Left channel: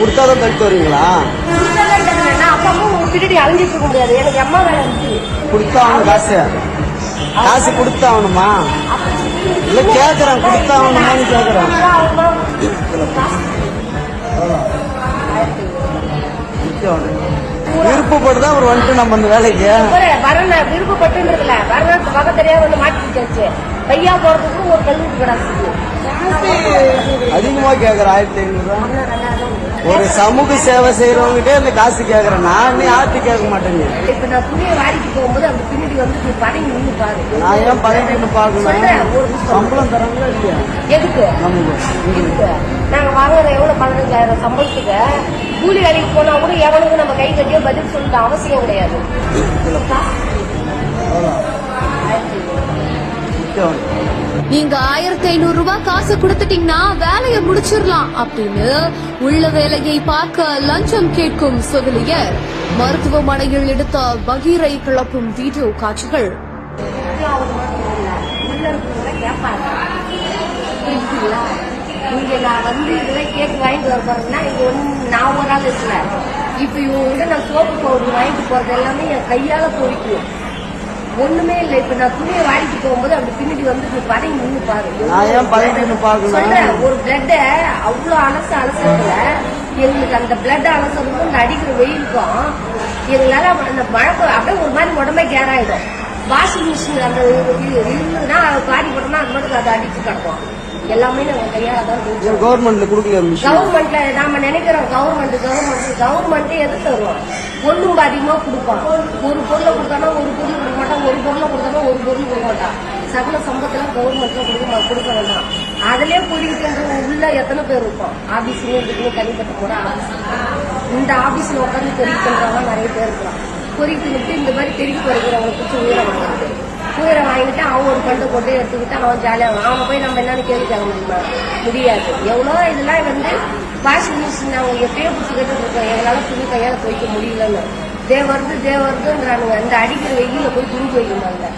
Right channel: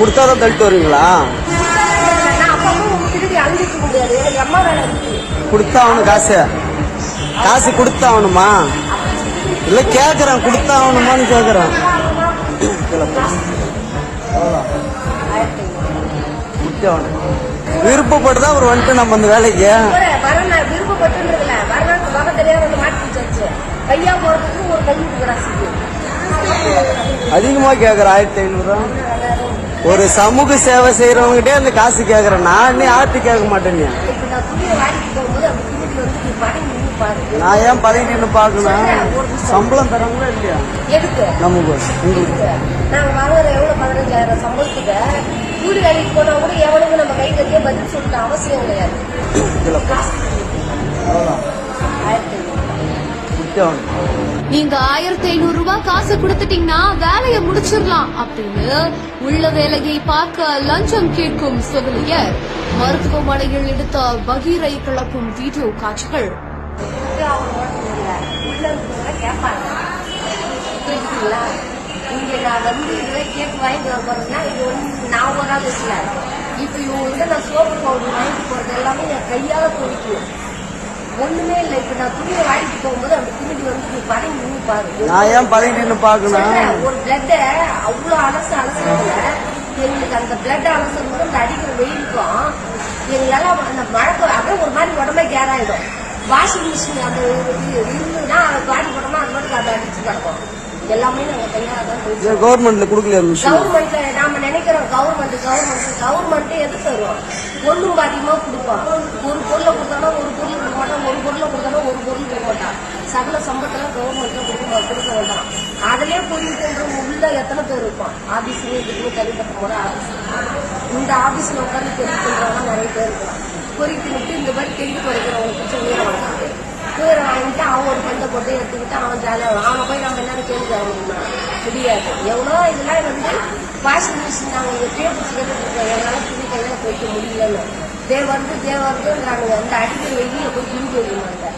கொடுத்தாதான் தள்ளிட்டு வருவீங்களா? அப்பா அம்மா பின்னாடி அழிஞ்சிட்டு இருக்க முடியாது. எனக்கு அம்மா இருக்கு. கொடுத்தா அவனு காசு. காசு கொடுத்தா அவனுமா இல்ல கேக்குறான் கொடுத்தா அவனுமான்னு கேக்குறான். விருப்பப்பட்டுதான் அவர் வந்துட்டு நம்ம இந்த வேலைக்கு. நான் விருப்பப்பட்டுன்றதுல வரணும் வகை தெரியாம வந்து மாட்டிக்கிச்சாச்சு பையா போறதுக்கு ஒரு கல்வி அதிகமா கேக்குற ஆயிரத்தி ஐநூறு ஒரு சமூக சேவை செய்யறவங்ககிட்டே இந்த காசு கேக்குறேன். நான் நீ ஆர்த்தி கேட்க மாட்டேங்க இப்ப நான் துணியை வாடிக்கு போகும்போது அந்த பின்னாடி வந்து படங்கி நின்று பாரு. நான் ஏன் சொல்றேன், ஒரு பாக்கணும். சம்பளம் எதுக்கு? நாங்க வாங்குற எவ்வளவு பதினஞ்சாயிரம் சம்பளத்துக்கு. கூலி வேலைக்கு போனா கூட எவனுக்கு நம்ம கை கட்டியோ பதில் சொல்லிட்டு அவசியம் கிடையாது. நீங்க ஆயிரத்தி ஐநூறு ரூபாய் காசு கொடுத்துட்டீங்கன்னா வேலையை முடிச்சிடலாம் அப்படின்னு உள்ள வேலையை பார்க்க லஞ்சம் கேட்கும் செவிலியர். மருத்துவமனையில் எடுத்த பகீரை கிளப்பும் வீடியோ காட்சிகள். உள்ள இருக்கிறவங்க கேட்பாங்க. புரியுதுங்களா இங்க நான் வந்து இதெல்லாம் கேட்டு வாங்கிட்டு வர போறேன்னா இது ஒண்ணு நான் ஒரு ஆள் இப்ப இவங்க நான் சோப்பு பவுடர் வாங்கிட்டு போறது எல்லாமே என் கையால பொறிக்கு ஒண்ணுமே இல்லை. இப்ப நான் துணியை வாங்கிட்டு போகும்போது அந்த பின்னாடி வந்து படங்கி நின்று பாரு. சொல்றேன். ஒரு பிளட்ட அவ்வளவு அலசு அலசுறதுல எங்களுக்கு அந்த பிளட் அலசுறதுக்கும் இந்த அடிக்கிற வெயிலுக்கும் எங்களால அந்த மழை அப்படியே ஒரு மாதிரி உடம்பே கேராயிடும். வாஷிங் மிஷின் அந்த இருந்ததுன்னா அதை பாடி போட்டோம்னா அது மட்டும் அதை அடிச்சு கிடக்கும். எல்லாமே நாங்க கையால தான் கவர்மெண்ட்ல கொடுக்கல கவர்மெண்ட்ல நாம நினைக்கிறோம் கவர்மெண்ட் கவர்மெண்ட் கவர்மெண்ட் எது தரும்? ஒண்ணும் அதிகமா கொடுப்பான். ஒரு பொருளை கொடுத்தானா ஒரு பொருள் கொடுக்க மாட்டான். ஒரு பொருளை கொடுத்தானா ஒரு பொருள் கொடுக்க மாட்டான். சகல சம்பத்தெல்லாம் கவர்மெண்ட்ல கொடுக்க கொடுக்க வேண்டாம். அதுலயே போயிட்டு உள்ள எத்தனை பேர் இருப்பான்? ஆபீஸ்லயும் இருக்குன்னு தனிப்பட்ட முறை ஆபீஸ் இந்த ஆபீஸ்ல உட்காந்து தெரிவிக்க பண்றவங்க நிறைய பேர் இருக்கலாம். பொறிக்கு தின்னுட்டு இந்த மாதிரி தெரிவிக்க குறைக்கிறவங்களை பிடிச்சி உயிரை வாங்கிட்டு உயிரை வாங்கிட்டு அவன் ஒரு பண்டை போட்டு எடுத்துக்கிட்டு அவன் ஜாலியாக அவனை போய் நம்ம என்னன்னு கேள்வி கேட்க முடியுமா முடியாது. எவ்வளோ இதெல்லாம் வந்து வாஷிங் மிஷின் நாங்கள் எப்பயோ பிடிச்சிக்கிட்டு இருக்கோம். எங்களால் துணி கையால் போய்க்க முடியலன்னு. தே வருது தே வருதுன்றானுங்க. இந்த அடிக்கிற வெயில போய் துணி துவைக்குமாங்க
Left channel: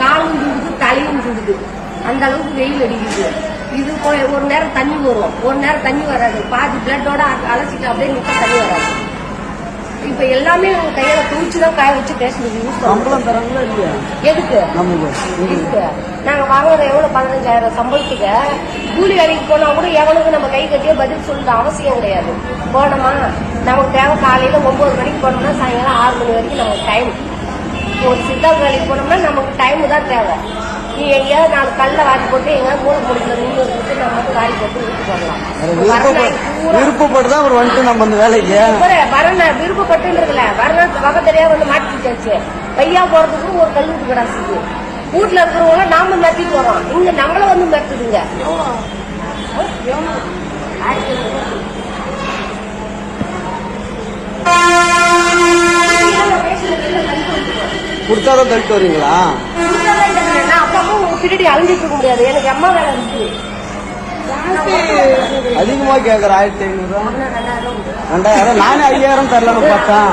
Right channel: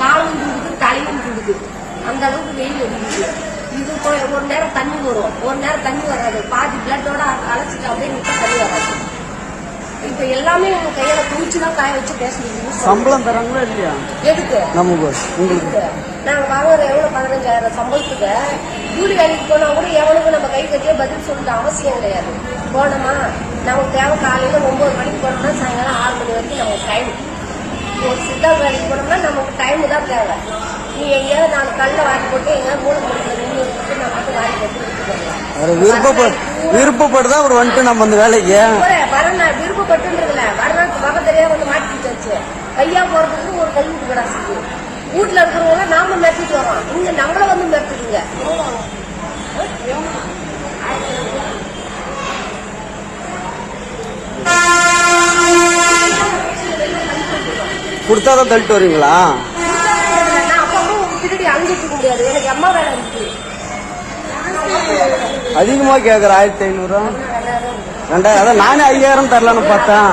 காலும் துடுது தலையும் துடுது அந்த அளவுக்கு வெயில் அடிக்குது. இது போய் ஒரு நேரம் தண்ணி வரும். ஒரு நேரம் தண்ணி வராது. பாதி பிளட்டோட அழைச்சிட்டு அப்படியே நிற்க இப்ப எல்லாமே உங்க கையில துணிச்சு தான் காய வச்சு இல்லையா எதுக்கு? எதுக்கு? நாங்க வாங்குற எவ்வளவு? பதினஞ்சாயிரம் சம்பளத்துக்கு. கூலி வேலைக்கு போனா கூட எவனுக்கும் நம்ம கை கட்டியோ பதில் சொல்லிட்டு அவசியம் கிடையாது. போனோமா? நமக்கு தேவை காலையில ஒன்பது மணிக்கு போனோம்னா சாயங்காலம் ஆறு மணி வரைக்கும் நமக்கு டைம் ஒரு சித்தாள் வேலைக்கு போனோம்னா நமக்கு டைம் தான் தேவை. நீ எங்கேயாவது நாலு கல்ல வாட்டி போட்டு எங்கேயாவது மூளை முடிக்கல நின்று இருந்து நம்ம மட்டும் வாரி போட்டு வீட்டுக்கு வரலாம். விருப்பப்பட்டு விருப்பப்பட்டுதான் அவர் வந்துட்டு நம்ம இந்த வேலைக்கு. வரணும் விருப்பப்பட்டுன்றதுல வரணும் வகை வந்து மாட்டிக்கிச்சாச்சு பையா போறதுக்கு ஒரு கல்வி கிடாச்சு வீட்டுல இருக்கிறவங்க நாம மிரட்டிட்டு வரோம். இங்க நம்மள வந்து மிரட்டுதுங்க. கொடுத்தாதான் தள்ளிட்டு வருவீங்களா? நான் உங்க பின்னாடி அழிஞ்சிட்டு இருக்க முடியாது. எனக்கு அம்மா வேலை இருக்கு. அதிகமா கேக்குற ஆயிரத்தி ஐநூறு ரெண்டாயிரம். நானே ஐயாயிரம் தரலாம்னு பார்த்தேன்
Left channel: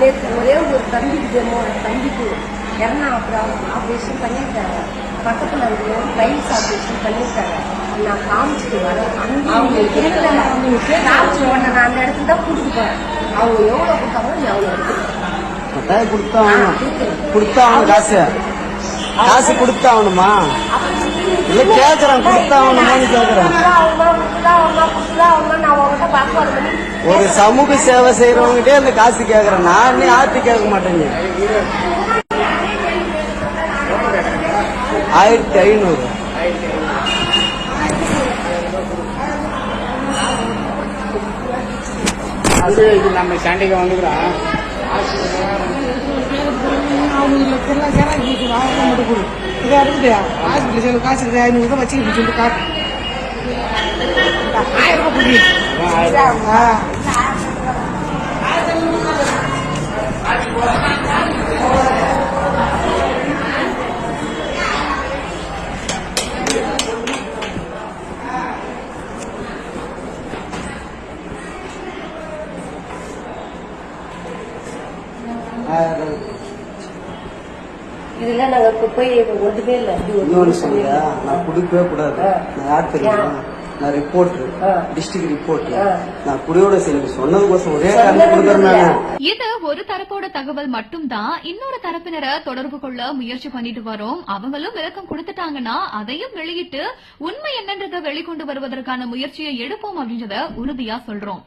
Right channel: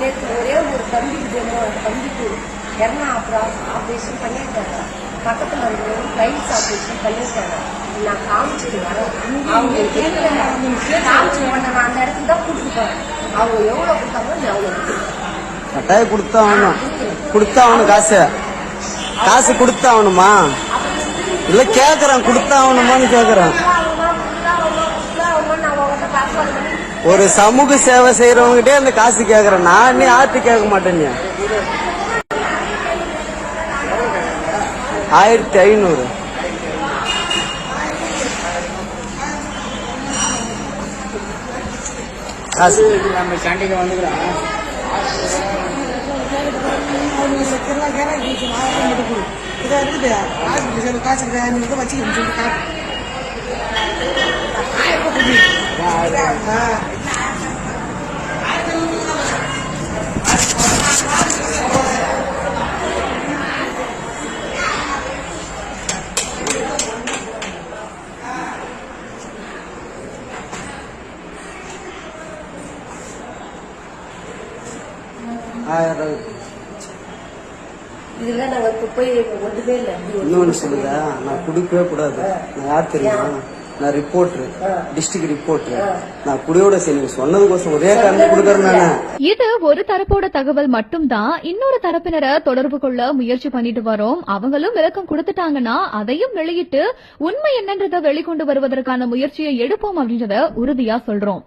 நேற்று ஒரே ஒரு தம்பிக்கு வேணும். அந்த தம்பிக்கு எண்ணா ஆபரேஷன் பண்ணியிருக்காங்க. பக்கத்துல இருந்து டைல்ஸ் ஆபரேஷன் பண்ணியிருக்காங்க. நான் காமிச்சிட்டு வரேன். அவங்க கேட்கல காமிச்சு உடனே நான் அந்த இடத்துல தான் கூட்டிட்டு போறேன். அவங்க எவ்வளவு கொடுத்தாங்களோ நீ அவ்வளவு கட்டாயம் கொடுத்தாகணும் கொடுத்தாகணும் காசு. காசு கொடுத்தாகணுமா இல்ல கேக்குறான் கொடுத்தாகணுமான்னு கேக்குறான் ஒரு சமூக சேவை செய்யறவங்ககிட்டே இந்த காசு கேக்குறேன் நான் நீ ஆர்த்தி கேட்க மாட்டேங்க ஆயிரத்தி ஐநூறு. நம்ம சண்டைக்கு வந்துக்கிறோம். கேரளா கேரளா மிஷின் ஆயிரம் மட்டும் கொடு இதா இருக்குது ஹாஸ்பிட்டல் செலவு காசு இருக்குது ஐநூறு ரூபாய் வச்சுக்கணும்னு சொல்லிட்டு காட்டு ஆயிரம் ரூபாய். கொடு ஆ ஆயிரம் ரூபாய். இதுல நாங்க குப்பை ஒன்றுமே இல்லை. இன்னொன்னு சொல்லுங்க. நான் குடிக்கவே கூடாது. நான் யார் தெரியுமா? நான் ரிப்போர்ட்டர் டிஸ்ட்ரிக்ட் ரிப்போர்ட்டர் நான் குடியோட சரி நீங்க சொன்னதுக்கோசம் ஒரே காரணம் கொடுக்குறேன் நான். இது ஒரு தரப்போட தகவல் மட்டும்தான். இன்னொரு தரப்பினரை தொடர்பு கொள்ள முயற்சி பண்ணிட்டு வரோம். அவங்களும் விளக்கம் கொடுத்துட்டாங்கன்னா அதையும் வெளியிட்டு உண்மை என்னன்றதை வெளிக்கொண்டு வருவதற்கான முயற்சியை எடுப்போம் அப்படின்றத உறுதியா சொல்றோம்.